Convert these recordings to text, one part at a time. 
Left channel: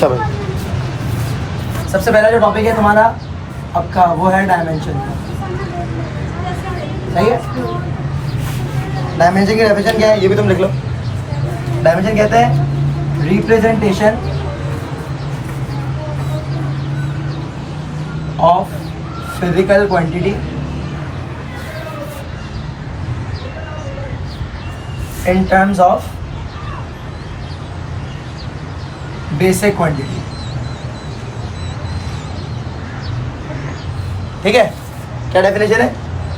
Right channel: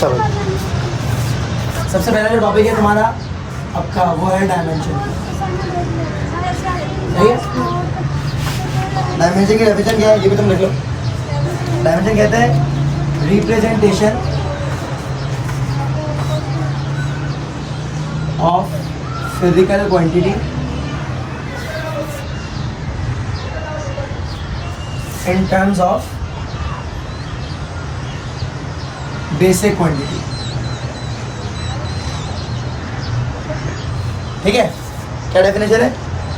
चलो, सबसे पहला जो टॉपिक है तुम्हारा आपका वो है डायमेंशन। सही है? डायमेंशन की डेफिनेशन क्या है ये भी तुम लिख लो। डायमेंशन कहते हैं representation of physical quantity in terms of basic quantity। ठीक है, क्या डेफिनेशन है?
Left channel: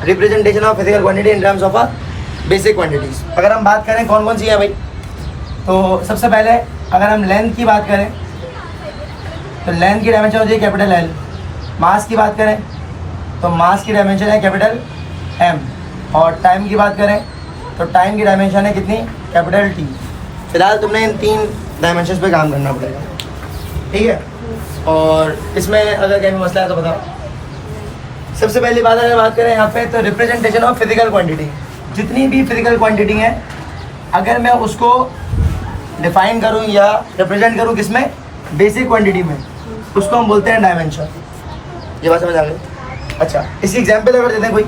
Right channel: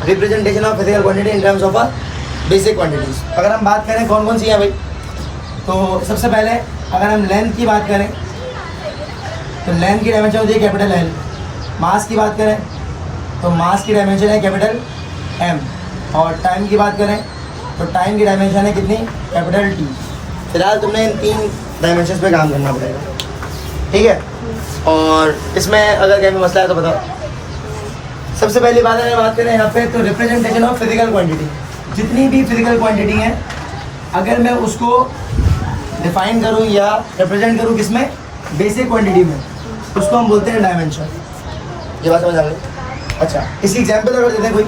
Representation of physical quantity in terms of basic quantities. अगर हम बात करें कौन कौन सी है भाई, तो सबसे पहले अगर हम लेंथ की बात करें तो लेंथ की डायमेंशन होती है कैपिटल एल। मास की बात करें तो मास की डायमेंशन है कैपिटल एम। और टाइम की बात करें तो टाइम की डायमेंशन है कितनी? Capital T. फिलहाल तुमने इन 3 डायमेंशंस पे काम करना पड़ेगा, ठीक है? और इसमें अगर कहीं मसला है तो बताओ। सबसे पहली बात अगर बात करें यहाँ पे तो रिप्रेजेंटेशन ऑफ फिजिकल क्वांटिटी, जितनी भी फिजिकल क्वांटिटी है अगर मैं उसको डिफाइन करूँ या रिप्रेजेंट करूँ किसमें? बेसिक क्वांटिटी में, उसको हम बोलते हैं डायमेंशन। ये बात समझ आ गई? अच्छा, इसी एग्जाम्पल अगर देते हैं कोई,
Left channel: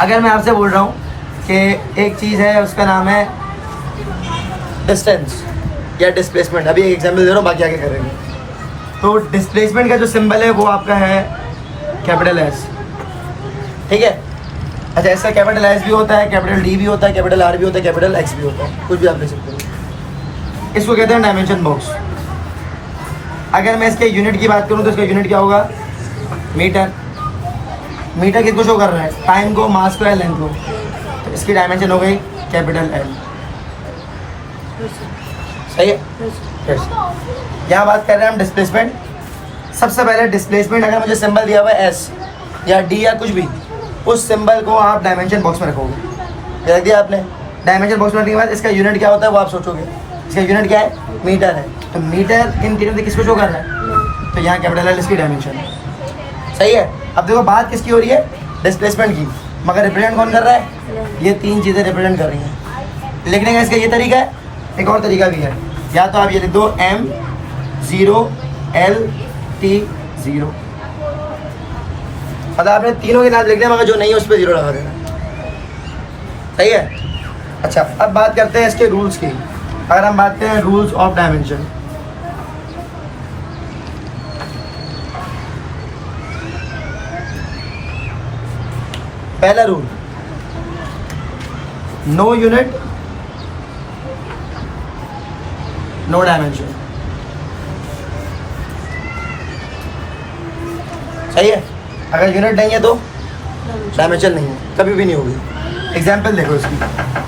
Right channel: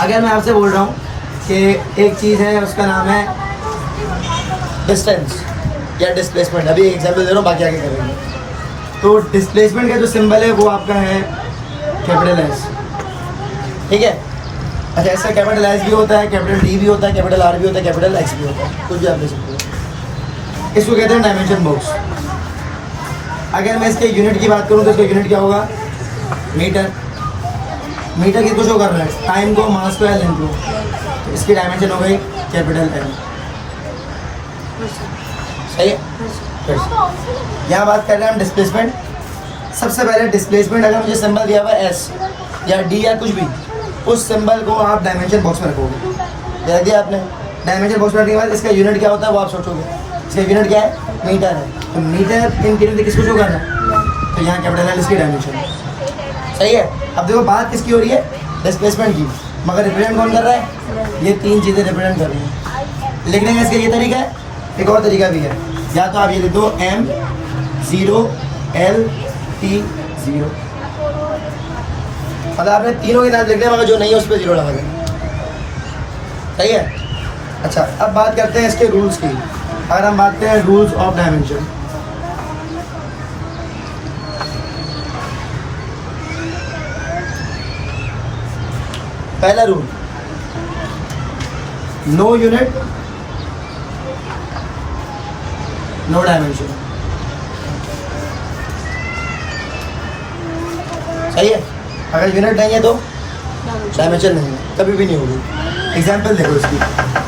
अगर मैं आपसे बोल रहा हूँ कि एक चीज़ है उसका नाम है डिस्टेंस या डिस्प्लेसमेंट। अभी एक एग्जाम्पल दे रहा हूँ, बाकी आगे करेंगे। तो डिस्प्लेसमेंट का जो सिंबल है वो आपका है कैपिटल एस, ठीक है? अच्छा, ऐसा कैपिटल एस भी होता है, कैपिटल डी भी होता है, कैपिटल आर भी होता है, कैपिटल एक्स भी होता है, कुछ भी आप ले सकते हैं। इसको कहते हैं डायमेंशन बॉक्स। अगर मैं इसके यूनिट की बात करूँ तो इसका यूनिट क्या होगा? मीटर। मीटर किसको शो करना है? टाइम को, मास को या लेंथ को। तो इसकी डायमेंशन हो गई कैपिटल एल। सही है? यहाँ बात कर रहे हैं हम डिस्प्लेसमेंट। सबसे पहले डिस्प्लेसमेंट अगर मुझे सिंबल दिया हुआ है एस या डी या कुछ भी, उस सिंबल को आप डायमेंशन बॉक्स में रखोगे। रख दिया आपने। डायमेंशन बॉक्स में रखने के बाद इसका यूनिट क्या होता है वो आप सोचोगे। इसका यूनिट क्या है? मीटर है। तो मीटर इन तीनों में किसको शो कर रहा है? तो यहाँ कैपिटल एल इसकी डायमेंशन है। सही है? अब देखो बात किसकी हो रही है? डिस्प्लेसमेंट की, मगर रिप्रेजेंट कौन कर रहा है? ये 3 चीज़ें रिप्रेजेंट कर रही हैं। लिखने का इसका ये तरीका है, एक और तरीका भी है। या तो आप ये लिख दो M 0 L T 0, मतलब आपने तीनों के नाम लिख दिया, मगर जो नहीं है उस पर 0 लगा देना। सही है? अच्छा, अब बात करते हैं इसके रूल्स की। अगर हम बात करें रूल्स ऑफ डायमेंशन, पहला rule, no unit no dimension. सही है? अगर यूनिट नहीं है तो डायमेंशन नहीं है, कभी भी नहीं होगी। एग्जाम्पल देखो इसकी।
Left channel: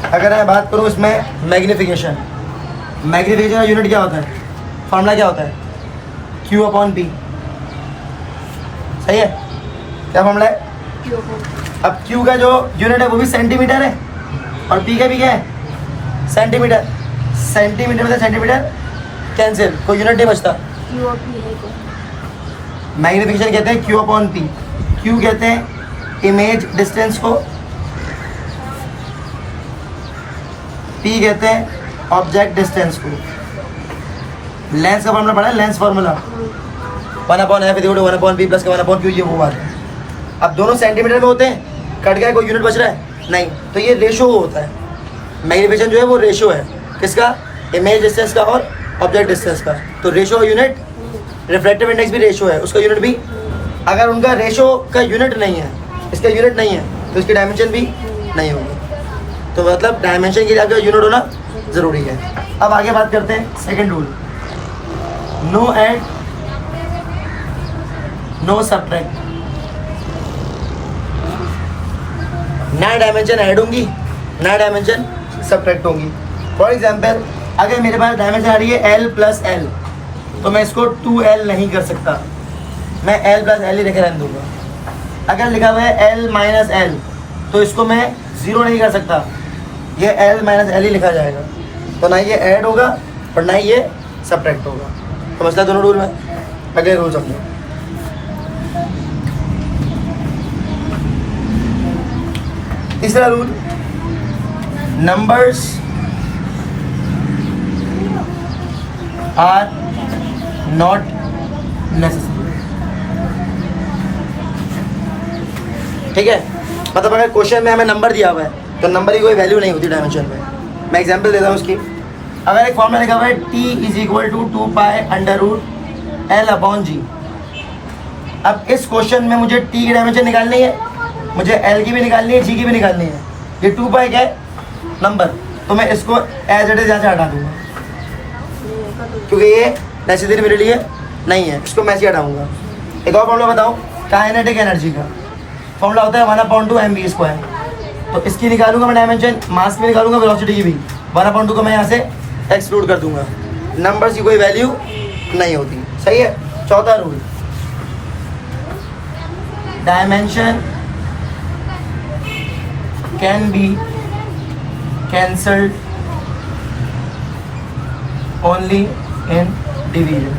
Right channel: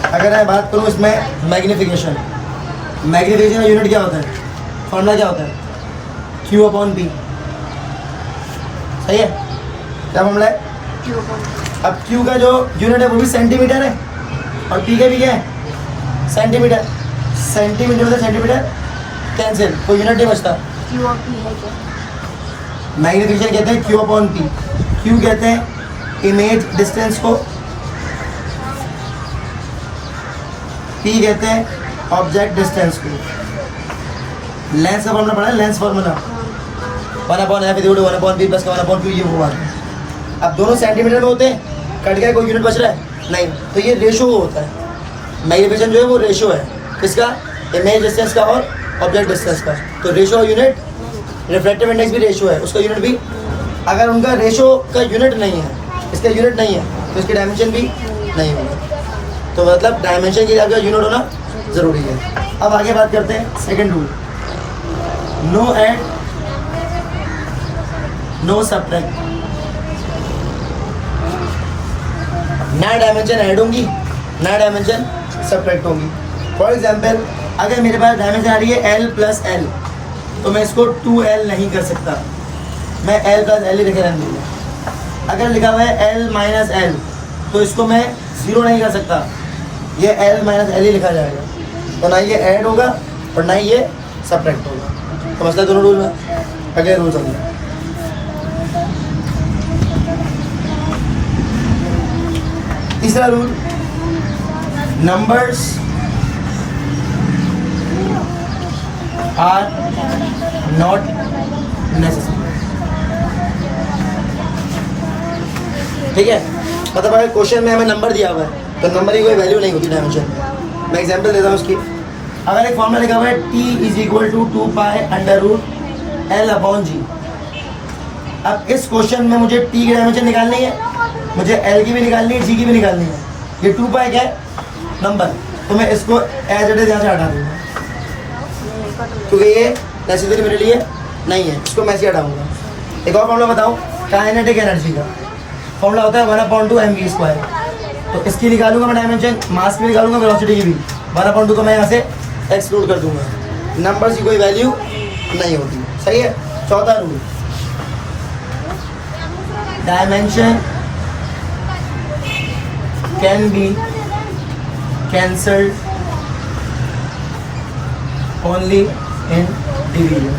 अगर मैं बात करूँ इसमें मैग्नीफिकेशन, मैग्नीफिकेशन का यूनिट क्या होता है? फॉर्मूला क्या होता है? Q/P। सही है? क्या फॉर्मूला है? अब Q का जो यूनिट है वो भी सेंटीमीटर है और P का भी क्या है? सेंटीमीटर। सेंटीमीटर में सेंटीमीटर कैंसिल, कोई यूनिट नहीं बचता। Q/P है क्या? मैग्नीफिकेशन कहते हैं Q/P। Q कहते हैं इमेज डिस्टेंस को, P कहते हैं ऑब्जेक्ट डिस्टेंस को। लेंस का फॉर्मूला पढ़ा है? Lens formula 1/f = 1/p + 1/q, ये वो बात है। अब दोनों सेंटीमीटर में होते हैं, कट गया, कोई यूनिट बच रहा है? नहीं। तो ये रेशो होता है। मैग्नीफिकेशन जो है वो रेशो है किसका? इमेज डिस्टेंस का और ऑब्जेक्ट डिस्टेंस का। तो रेशो का यूनिट, रिफ्रैक्टिव इंडेक्स भी रेशो है, उसका यूनिट भी। अगर उनका रेशो का यूनिट नहीं है, इसका यूनिट नहीं है, तो इसकी डायमेंशन भी नहीं होगा। तो मतलब डायमेंशन के लिए आपका यूनिट होना ज़रूरी है। अब आगे बात करते हैं second rule, no add no subtract. नया डायमेंशन ऐड होंगी, नया डायमेंशन सब्ट्रैक्ट होंगी। फॉर एग्जाम्पल, अगर मेरे पास डायमेंशन आ रही है L + L, तो मैं इसको 2L नहीं कर सकता, मैं L + L ही लेके रहने दूँगा। अगर लिखा हुआ है L - L, तो इसको मैं 0 नहीं कर सकता, ये L - L ही लिखा जाएगा। तो ना ये ऐड होगा और ना ये सब्ट्रैक्ट होगा। तो मसला दोनों रूल में। अगले रूल समझो। तीसरा rule, numbers are not necessary. ठीक है, मतलब अगर क्वेश्चन में हमें नंबर दिया हुआ है तो नंबर की कोई वैल्यू नहीं होती डायमेंशन में। मैं एग्जांपल देता हूँ उसकी। अगर एक फॉर्मूला लिखा हुआ है t is equal to 2 pi under root L upon G. अब इस क्वेश्चन में मुझे t की डायमेंशन निकालनी है, मुझे l की भी निकालनी है, g की भी निकालनी है। ये 2 पाई क्या है? नंबर। तो मैं इसको एज इट इज यहाँ से हटा दूंगा क्योंकि ये नेसेसरी मेरे लिए नहीं है, इसको मैं से हटाऊंगा। एक और फॉर्मूला बताऊँ काइनेटिक एनर्जी का। फॉर्मूला होता है 1/2 mv²। तो इसकी निकालूंगा मैं डायमेंशन, मास की निकालूंगा, वेलोसिटी की भी। 1/2 को मैं यहाँ से एक्सक्लूड कर दूंगा, नंबर्स की कोई वैल्यू नहीं होती। सही है। चौथा rule, dimension can be cancelled only in division.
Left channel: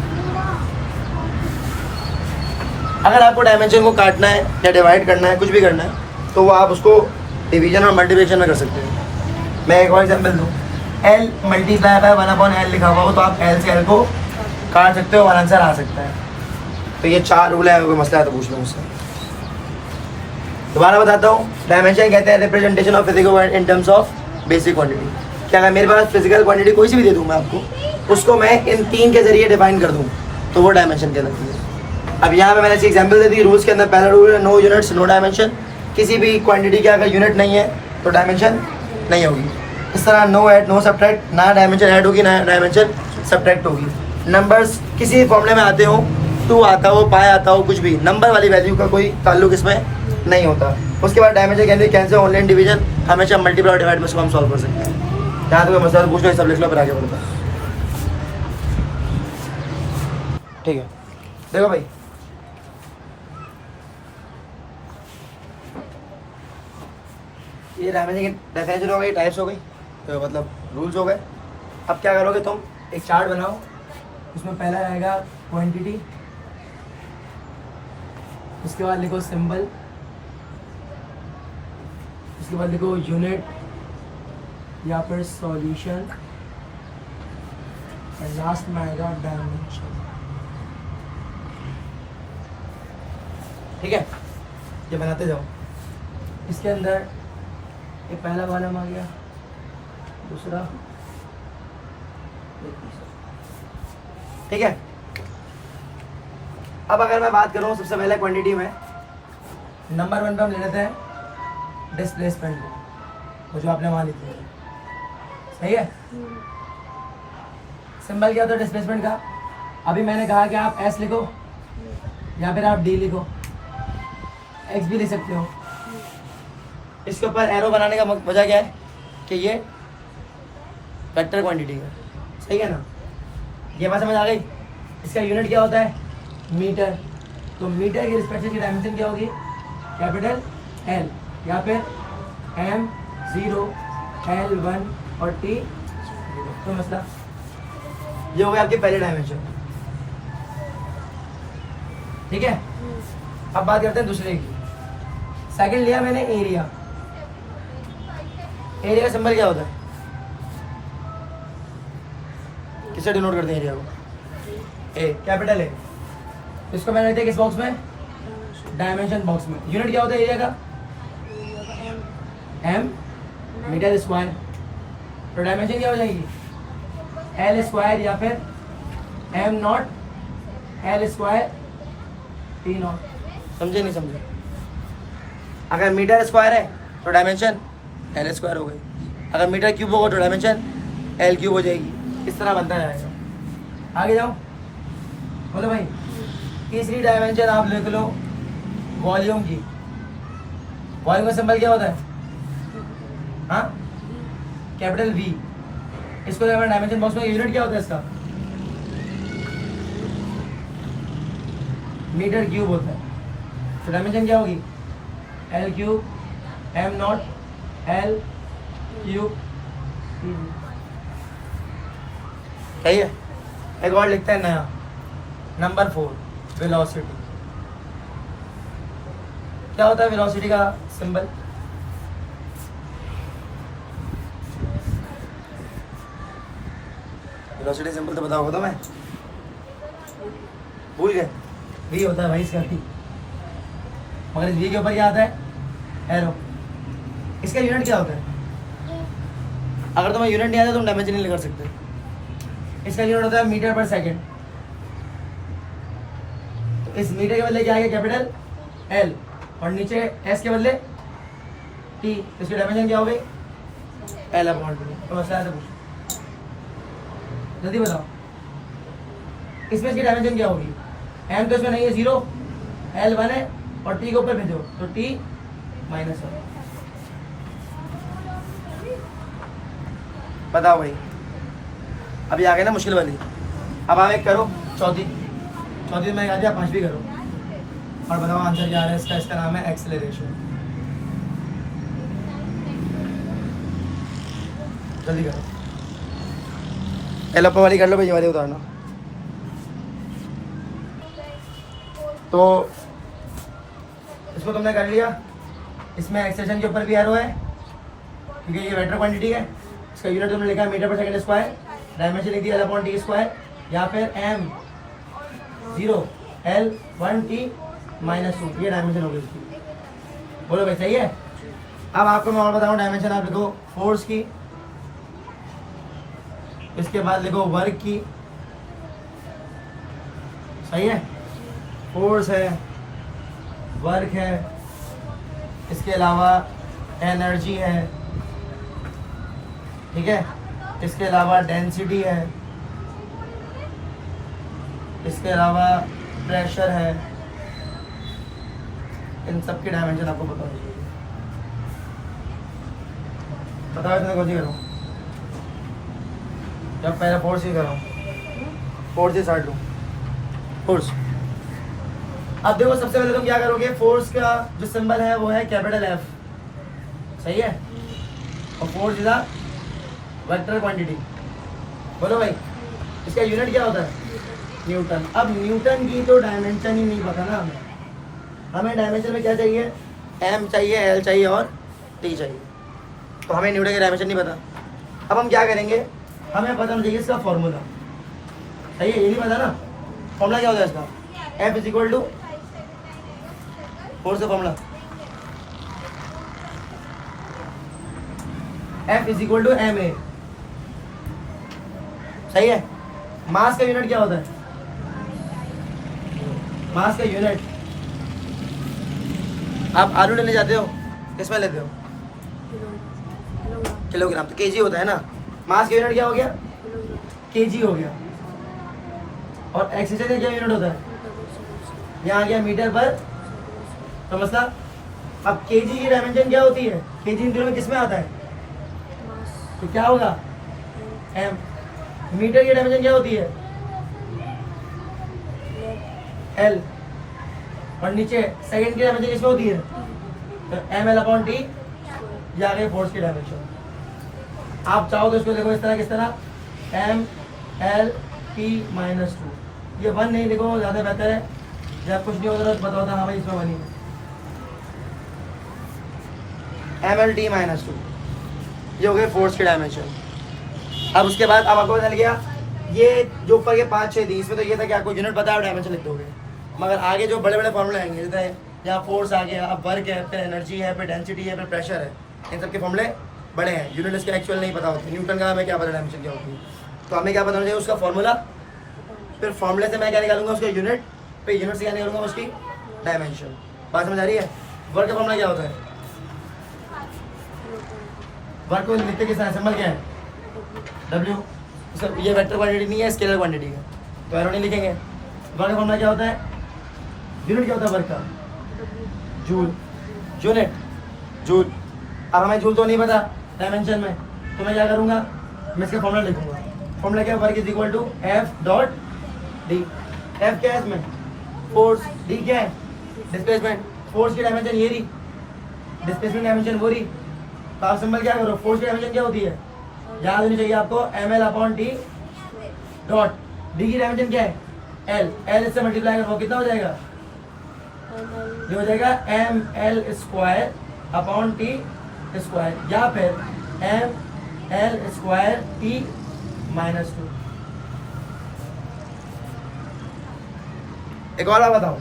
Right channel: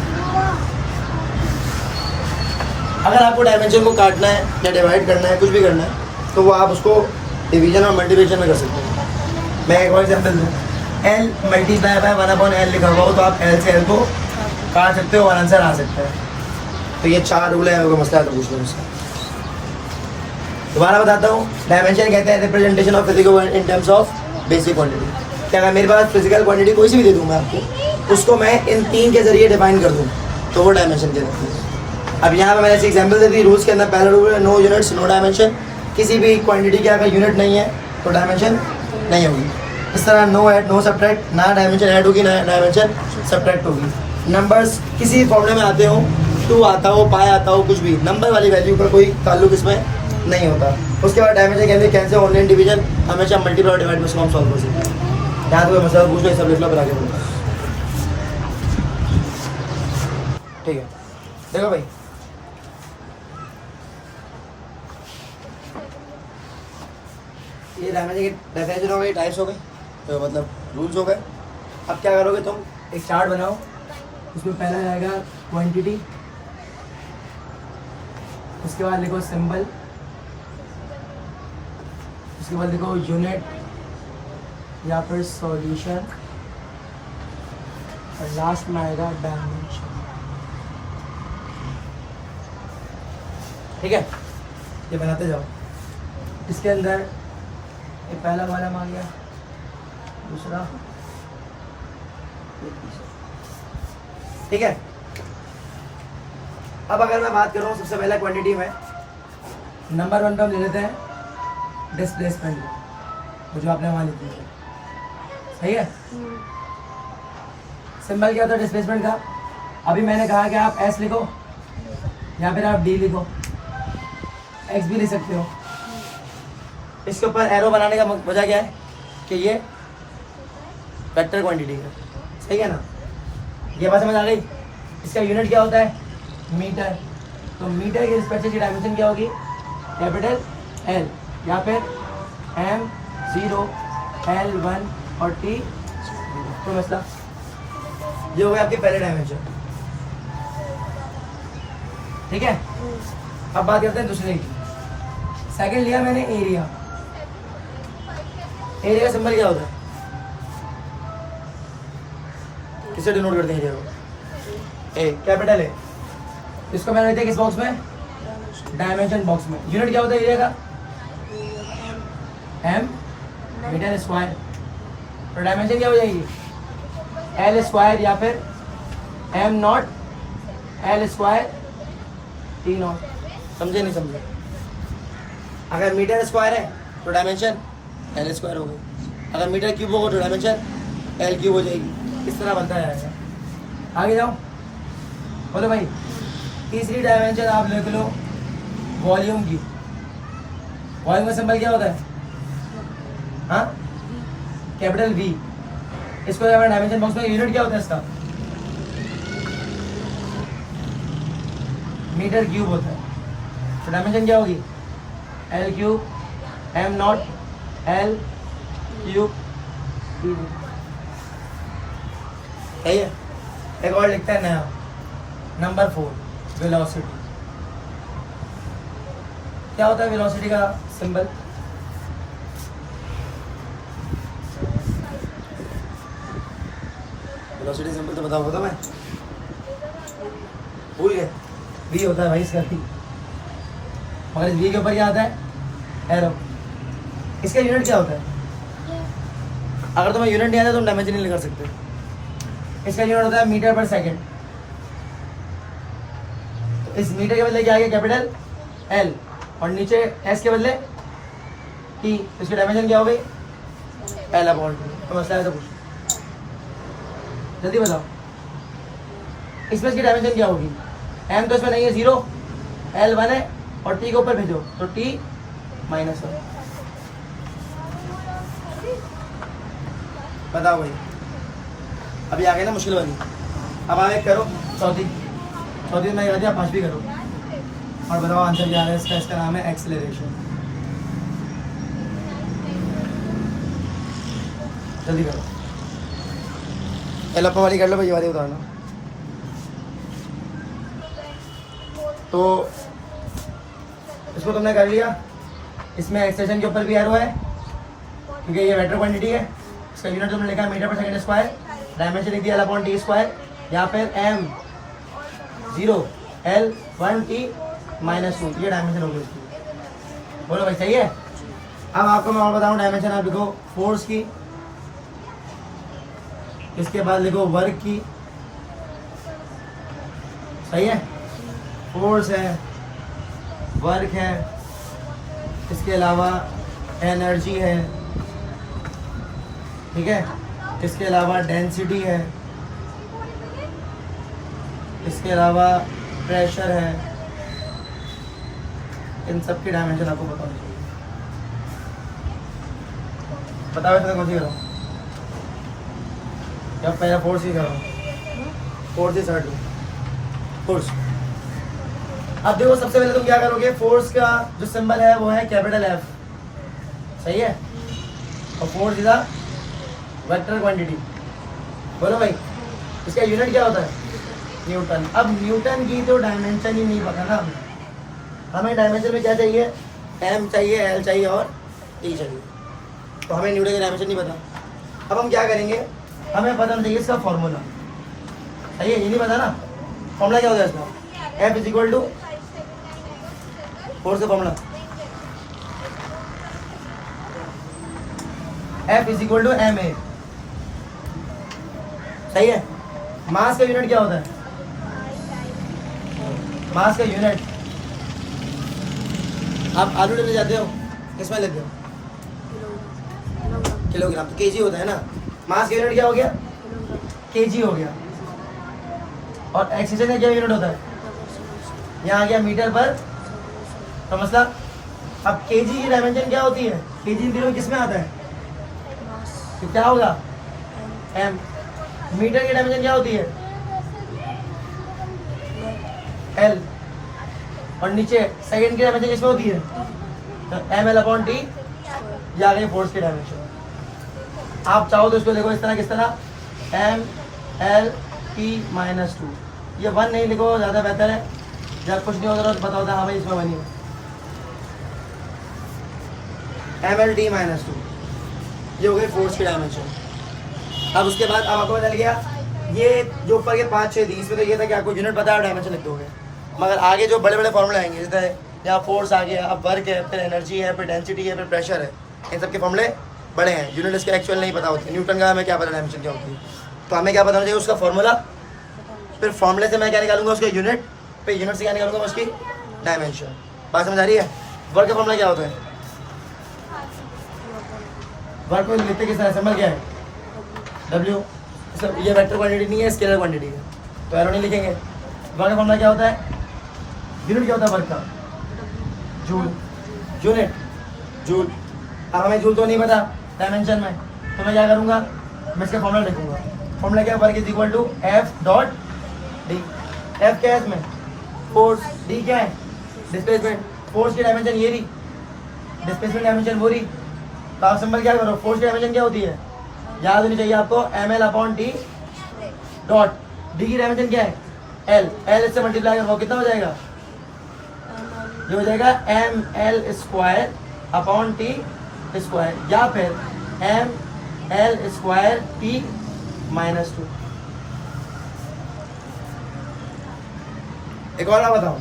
अगर आपको डायमेंशन को काटना है या डिवाइड करना है, कुछ भी करना है, तो वो आप उसको डिवीजन और मल्टीप्लिकेशन में कर सकते हैं। मैं एक और एग्जांपल दूँ, L मल्टीप्लाई बाय 1/L लिखा हुआ हो तो आप L से L को काट सकते हो और आंसर आ सकता है। तो ये 4 रूल है, कोई मसला है तो पूछ लो मुझसे। दोबारा बताता हूँ, डायमेंशन कहते हैं representation of physical in terms of basic quantity. क्या अगर मेरे पास फिजिकल क्वांटिटी कोई सी भी दे दूँ मैं आपको, उसको मैं इन 3 के जरिए डिफाइन कर दूँ तो वो डायमेंशन कहलाती है। अब यहाँ पे मैंने ऐसी एग्जांपल दे दी। रूल्स के अंदर पहला रूल है नो यूनिट्स नो डायमेंशन। किसी भी क्वांटिटी का अगर यूनिट नहीं है तो डायमेंशन नहीं होगी। इस तरह नो ऐड नो सब्ट्रैक्ट, ना डायमेंशन ऐड होगी ना डायमेंशन सब्ट्रैक्ट होगी। नंबर्स किसी फॉर्मूले में आते हो, 2 आता हो, पाई आता हो, कुछ भी नंबर वाली वैल्यू का कोई ताल्लुक इसमें नहीं होता। उसके बाद dimension can be cancel only in division, हमेशा मल्टीप्लाई और डिवाइड में हम सॉल्व कर सकते हैं। यहाँ तो कोई मसला पूछ लो, सब लिख लो फिर आगे बढ़ते हैं। ठीक है, देखो भाई, ये डायमेंशन की डेफिनेशन हो गई, टाइप्स हो गई, तो मतलब रूल्स हो गए। अब क्या करोगे तुम, एक चार्ट बनाओ, उसमें पहला आएगा क्वांटिटी, उसके बाद लिखो सिंबल, उसके बाद लिखो यूनिट या फिर सॉल्यूशन, और लास्ट में आएगा डायमेंशन। ठीक है, ये बनाते जाओ। इसके अंदर ये पहला कॉलम आ गया, दूसरा, ठीक है। अब अगर मैं बात करूं सबसे पहले क्वांटिटी में, नंबर 1 पे हम ले लेते हैं डिस्प्लेसमेंट, वो जो आपने वहां लिखी है। सही है। सिंबल क्या होता है डिस्प्लेसमेंट का? अभी मैंने कहा कि आप एस लिखो या फिर आप डी लिखो, एक्स भी लिख सकते हो। इसके ऊपर एरो बनाने का वजह क्या है कि ये वेक्टर क्वांटिटी है। सही है ना, ये बात समझ आ गई। इसका यूनिट क्या होता है? मीटर। तो मीटर की रिस्पेक्ट से इसकी डायमेंशन क्या होगी? कैपिटल एल या फिर M0 L1 और T 0। तो मसला ये हो गया आपके पहले डायमेंशन। ठीक है, अब बात करते हैं दूसरे की। सेकंड लिया मैंने एरिया। एरिया का सिंबल क्या होता है? किससे डिनोट करते हैं एरिया को? ए, कैपिटल ए। इसको मैंने लिखा किस बॉक्स में? डायमेंशन बॉक्स में। यूनिट क्या होता है एरिया का? M meter square. तो डायमेंशन क्या हो जाएगी? एल स्क्वायर या फिर M naught L square T naught. समझे नहीं समझे? अगर मीटर स्क्वायर है तो डायमेंशन एल स्क्वायर हो गई। अगर मीटर क्यूब होगा तो डायमेंशन एल क्यूब हो जाएगी। इस तरह बनता जाएगा। आगे जाओ, बोलो भाई। तीसरी डायमेंशन आप लिख लो वॉल्यूम की। वॉल्यूम का सिंबल क्या होता है? हाँ, कैपिटल वी। इसको हमारे डायमेंशन बॉक्स में यूनिट क्या होता है इसका? मीटर क्यूब होता है। तो डायमेंशन क्या होगी? L cube M naught L cube. सही है। एक और लिखते हैं नया, नंबर 4 वेलोसिटी। क्या होता है वेलोसिटी का सिंबल? वेलोसिटी सिंबल तो बताओ मैं। भूल गए, वी होता है भाई इसका भी, मगर इस वी के ऊपर क्या आता है, एरो। इसका यूनिट क्या होता है, अगर तुम्हें यूनिट नहीं आता तो तुम डायमेंशन नहीं कर सकते। इसका यूनिट होता है मीटर पर सेकेंड। तो इस मीटर के बदले क्या आ गया, कैपिटल एल, और नीचे एस के बदले टी, इसकी डायमेंशन क्या हो गई, एल अपॉन टी। तो मसला है, तो पूछो जल्दी बताओ, इसमें इसकी डायमेंशन क्या होगी, एम तो इसमें नहीं है, 0, एल 1 है, और टी के ऊपर भेजो तो टी -1। बताओ भाई, अभी आ गई ना मुश्किल वाली। अब आप एक करो, चौथी में मैं कहा दिया, 5वीं करो और बताओ आंसर क्या आ रहा है इसका। इसका नाम है एक्सेलरेशन। जल्दी करो, एलोपा वाली कर लो, ये वाली उतार लो। तो इसको तुमने कर लिया, इसमें एक्सटेंशन के ऊपर भी एरो है क्योंकि ये वेक्टर क्वांटिटी है। इसका यूनिट तुमने लिखा है मीटर पर सेकंड स्क्वायर, डायमेंशन लिख दिया L/T², या फिर M 0 L 1 T -2, ये डायमेंशन हो गई इसकी। बोलो भाई सही है। अब आपको मैं और बताऊँ डायमेंशन, आप लिखो फोर्स की, इसके बाद लिखो वर्क की, सही है, फोर्स है, वर्क है, इसके अलावा एनर्जी है, ठीक है, इसके अलावा डेंसिटी है, इसके अलावा प्रेशर है। इन सब की डायमेंशन आपको पता होनी चाहिए। बताओ इसमें कौन सी करो, जब पहले फोर्स ही करो, फोर्स ही स्टार्ट लो, फोर्स। अब देखो सबसे पहले तुम क्या करोगे, फोर्स का जो सिंबल है वो है कैपिटल F, सही है, और force is a vector quantity. बोलो भाई इसका यूनिट क्या होता है, न्यूटन। अब न्यूटन की तो डायमेंशन ही नहीं पता ना हमें डायमेंशन में क्या चाहिए, M चाहिए, L चाहिए और T चाहिए। तो हमें न्यूटन का डायमेंशन नहीं पता। अब हम क्या करेंगे, हमें पता नहीं चाहिए इसका फॉर्मूला, सही है, ये नहीं पता ना फॉर्मूला क्या होता है इसका, F = फोर्स का फॉर्मूला, F = ma, सही है। मास का यूनिट क्या होता है, मास का यूनिट, आप आलू लेने जाते हो किसमें लेते हो, किलोग्राम, तो केजी होता है ना। मास का यूनिट क्या हो गया, केजी हो गया। और एक्सीलरेशन का क्या यूनिट होता है, यहाँ आ गया मीटर पर, तो मसला। अब केजी की डायमेंशन क्या होती है, केजी इन दिनों में किसमें आता है, तो क्या होगा, एम। मीटर की डायमेंशन क्या होती है, एल, और नीचे सेकंड की डायमेंशन किसमें होती है, तो ml/t, या गई फोर्स की डायमेंशन। आप चाहो तो इसको देखो इस तरह, किस तरह, mL/t-2, ये 1 नहीं लिखो ज़्यादा बेहतर है, जब कुछ नहीं होता तो पता होता है हाँ भाई इसमें 1 ही है, mL/t-2, ये हो गए फोर्स की डायमेंशन। अब उसके बाद अब आपको बदल गया, ये जो ऊपर के 5 6 दी, इसमें तो ये था कि आपको यूनिट पता है डायमेंशन लिख दोगे, मगर आगे जो बड़े बड़े फॉर्मूले आएंगे, जैसे यहाँ फोर्स आ गया, अब वर्क है, फिर एनर्जी है, फिर डेंसिटी है, फिर प्रेशर है, इन सब के फॉर्मूले बड़े हैं, यूनिट इसके एक्चुअल नहीं पता होते। न्यूटन का हमें क्या पता डायमेंशन क्या होती है, तो हमें क्या पता होना चाहिए, उसका फॉर्मूला, फिर फॉर्मूले से मैं क्या निकालूंगा, उसका यूनिट, फिर यूनिट से क्या निकालूंगा, उसकी डायमेंशन। बात समझ आ रही है। वर्क का फॉर्मूला क्या होता है, वर्क को लिखते किस तरह, सिंबल क्या है, W। ये वेक्टर क्वांटिटी नहीं है, स्केलर क्वांटिटी है, तो एरो नहीं लिखेंगे। वर्क का फॉर्मूला क्या होता है, यूनिट क्या होता है वर्क का, जूल, यूनिट जूल। अब हमें जूल तो नहीं पता डायमेंशन में, तो मैं क्या करूँगा, मैं इसका फॉर्मूला लिखूंगा। फॉर्मूला क्या है, वर्क = F.D। F क्या है इसमें, फोर्स, D क्या है, डिस्प्लेसमेंट। फोर्स की डायमेंशन ये रही, डिस्प्लेसमेंट डायमेंशन वो रही। तो आप सिंबल क्या करो, फोर्स की डायमेंशन क्या होती है, याद होनी चाहिए आपको, mL/t डॉट, D की डायमेंशन क्या है, L, L इससे मल्टीप्लाई करो कितना हो जाएगा, ये हो जाएगा mL²/t², या फिर mL²t-2। एक और बात बताऊँ,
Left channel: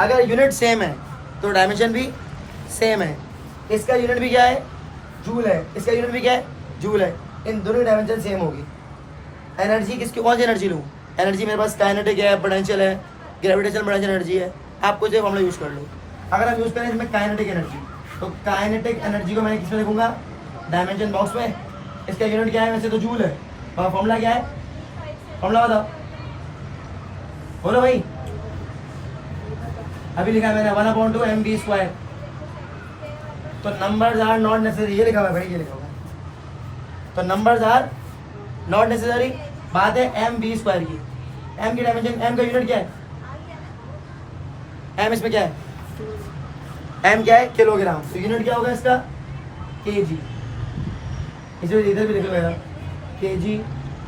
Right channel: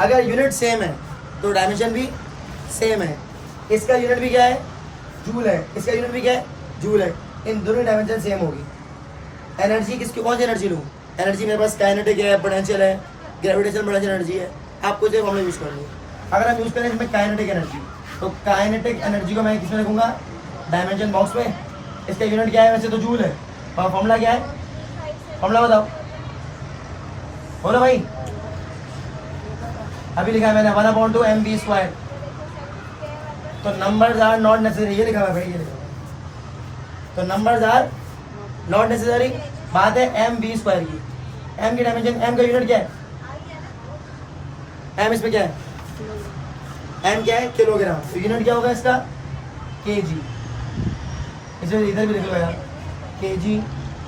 अगर यूनिट सेम है तो डायमेंशन भी सेम है। इसका यूनिट भी क्या है, जूल है, इसका यूनिट भी क्या है, जूल है। इन दोनों की डायमेंशन सेम होगी। एनर्जी किसकी, कौन सी एनर्जी लूँ, एनर्जी मेरे पास काइनेटिक है, पोटेंशियल है, ग्रेविटेशनल पोटेंशियल एनर्जी है, आपको जो फॉर्मूला यूज़ कर लो। अगर हम यूज़ करें इसमें काइनेटिक एनर्जी, तो काइनेटिक एनर्जी को मैं किसमें लिखूंगा, डायमेंशन बॉक्स में। इसका यूनिट क्या है, वैसे तो जूल है, और फॉर्मूला क्या है, फॉर्मूला बताओ, बोलो भाई। अभी लिखा है मैंने 1/2 mv²। तो नंबर्स आर नॉट नेसेसरी, ये लिखा हुआ है भाई, ये लिखा हुआ है। तो नंबर्स आर नॉट नेसेसरी। बात है mv² की। m की डायमेंशन, m का यूनिट क्या है, m इसमें क्या है, m क्या है, किलोग्राम। तो यूनिट क्या होगा इसका, kg। इसे इधर भी लिख लो यार, kg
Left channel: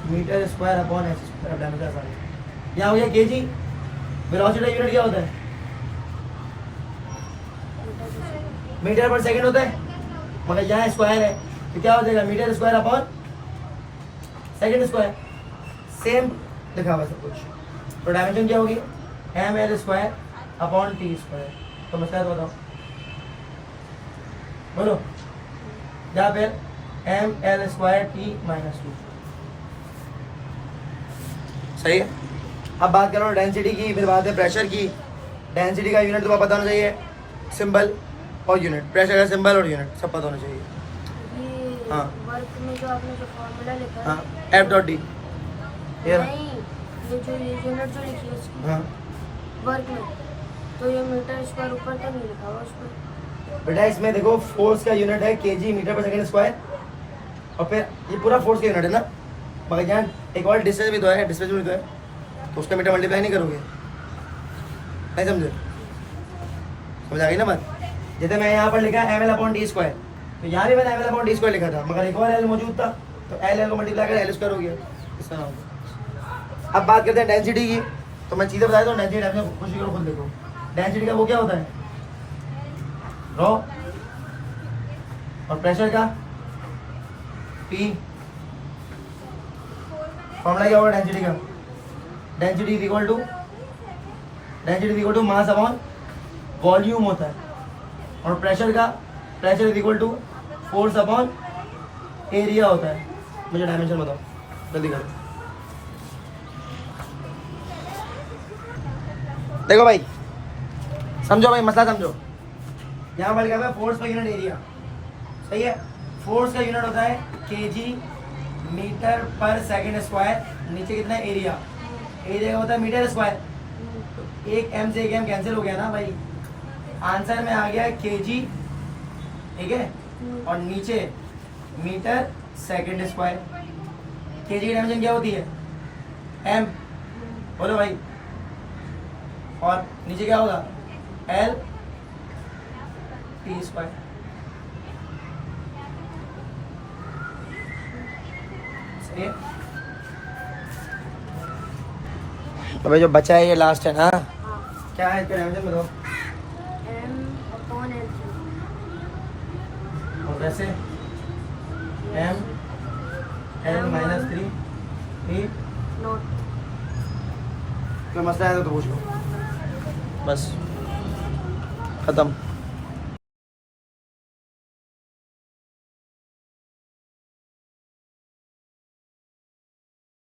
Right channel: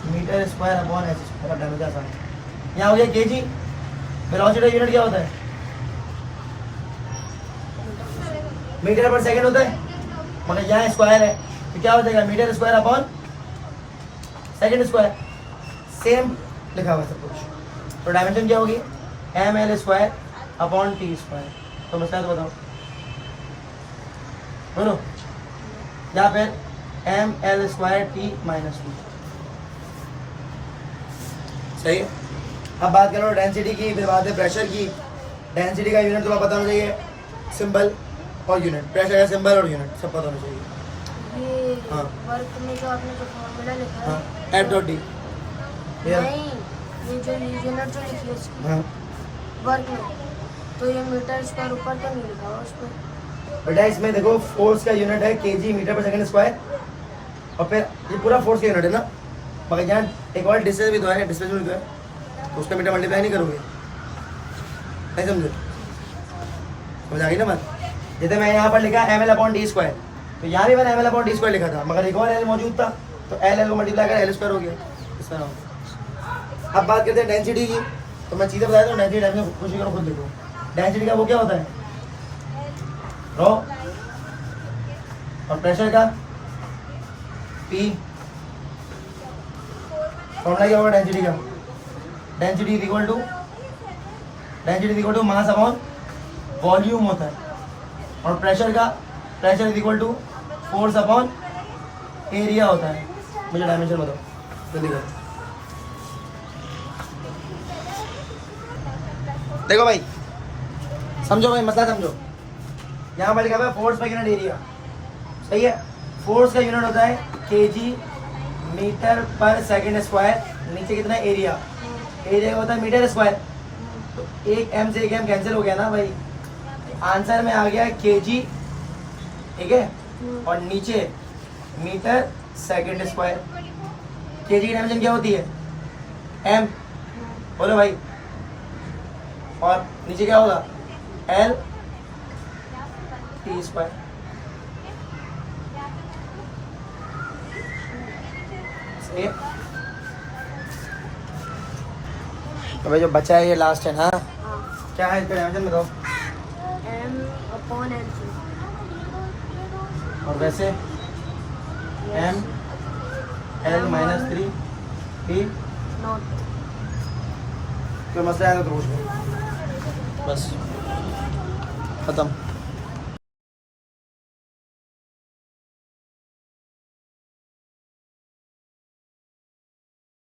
m²/s²। डायमेंशन आसान है। यहाँ हो गया kg। वेलोसिटी यूनिट क्या होता है, मीटर पर सेकंड होता है, मगर यहाँ स्क्वायर है तो क्या हो जाएगा, m²/s²। सेम लिखा हुआ सब कुछ। तो डायमेंशन क्या होगी, ml²/t²। तो मसला तो बताओ, बोलो, या फिर ml²t-2। सही है। अब बात करो डेंसिटी की, फिर बात है प्रेशर की। डेंसिटी का यूनिट तुम्हें पता होना चाहिए, सिंबल और यूनिट। प्रेशर का सिंबल और यूनिट सब पता होना चाहिए। ये हाँ। वर्क में जो आपने जो फॉर्मूला लिखा है, हाँ, F.D। नहीं, ये जो यूनिट जो लिखी है उसकी हाँ वर्क में, तो ये मीटर² ऊपर तो नहीं लिखा हुआ उसमें। बेटा इसमें देखो, फोर्स का यूनिट है kg m/s², और फिर ये पूरा फोर्स का यूनिट है ना, मगर यहाँ एक और डिस्टेंस भी तो है, डिस्प्लेसमेंट भी तो है, तो उसका मीटर मल्टीप्लाई नहीं करोगे, नहीं समझे, समझ आ गई ना बात। जैसे मैं यहाँ पर लिखा ml/d², तो यहाँ भी मैंने ml/d² लिखा था, मगर एक और l मौजूद था, तो l को मल्टीप्लाई कर l² हो गया, इस तरह होगा। अब बात करते हैं डेंसिटी की। तो मैं चीज़ें बताया, तो डेंसिटी डायमेंशन कोशिश करो खुद लिखो। डेंसिटी का वो क्या होता है, रो, और प्रेशर का P। फॉर्मूला क्या होगा डेंसिटी का, density is equal to mass upon volume होता है। और प्रेशर का, pressure is equal to force upon area होता है। मुझे डायमेंशन बताओ जल्दी करो। देखो भाई, समझो भाई, मसला समझो। यहाँ पर क्या है, फोर्स पर यूनिट एरिया, सही है। फोर्स का यूनिट होता है kg m/s²। नीचे कितना एरिया, एरिया होता है मीटर²। तो एक m से एक m कैंसिल हो गया ना भाई, आंसर में आ गया kg, ठीक है, और नीचे मीटर²। kg की डायमेंशन क्या होती है, m, बोलो भाई, और नीचे क्या होगा, l t²। सही है। तो भाई जो बचा है ये लास्ट है ना, हाँ, क्या है इसका डायमेंशन बताओ। m/l3। और वैसे m l-3 p। नोट। कोई मसला है तो पूछ लो, बस खत्म।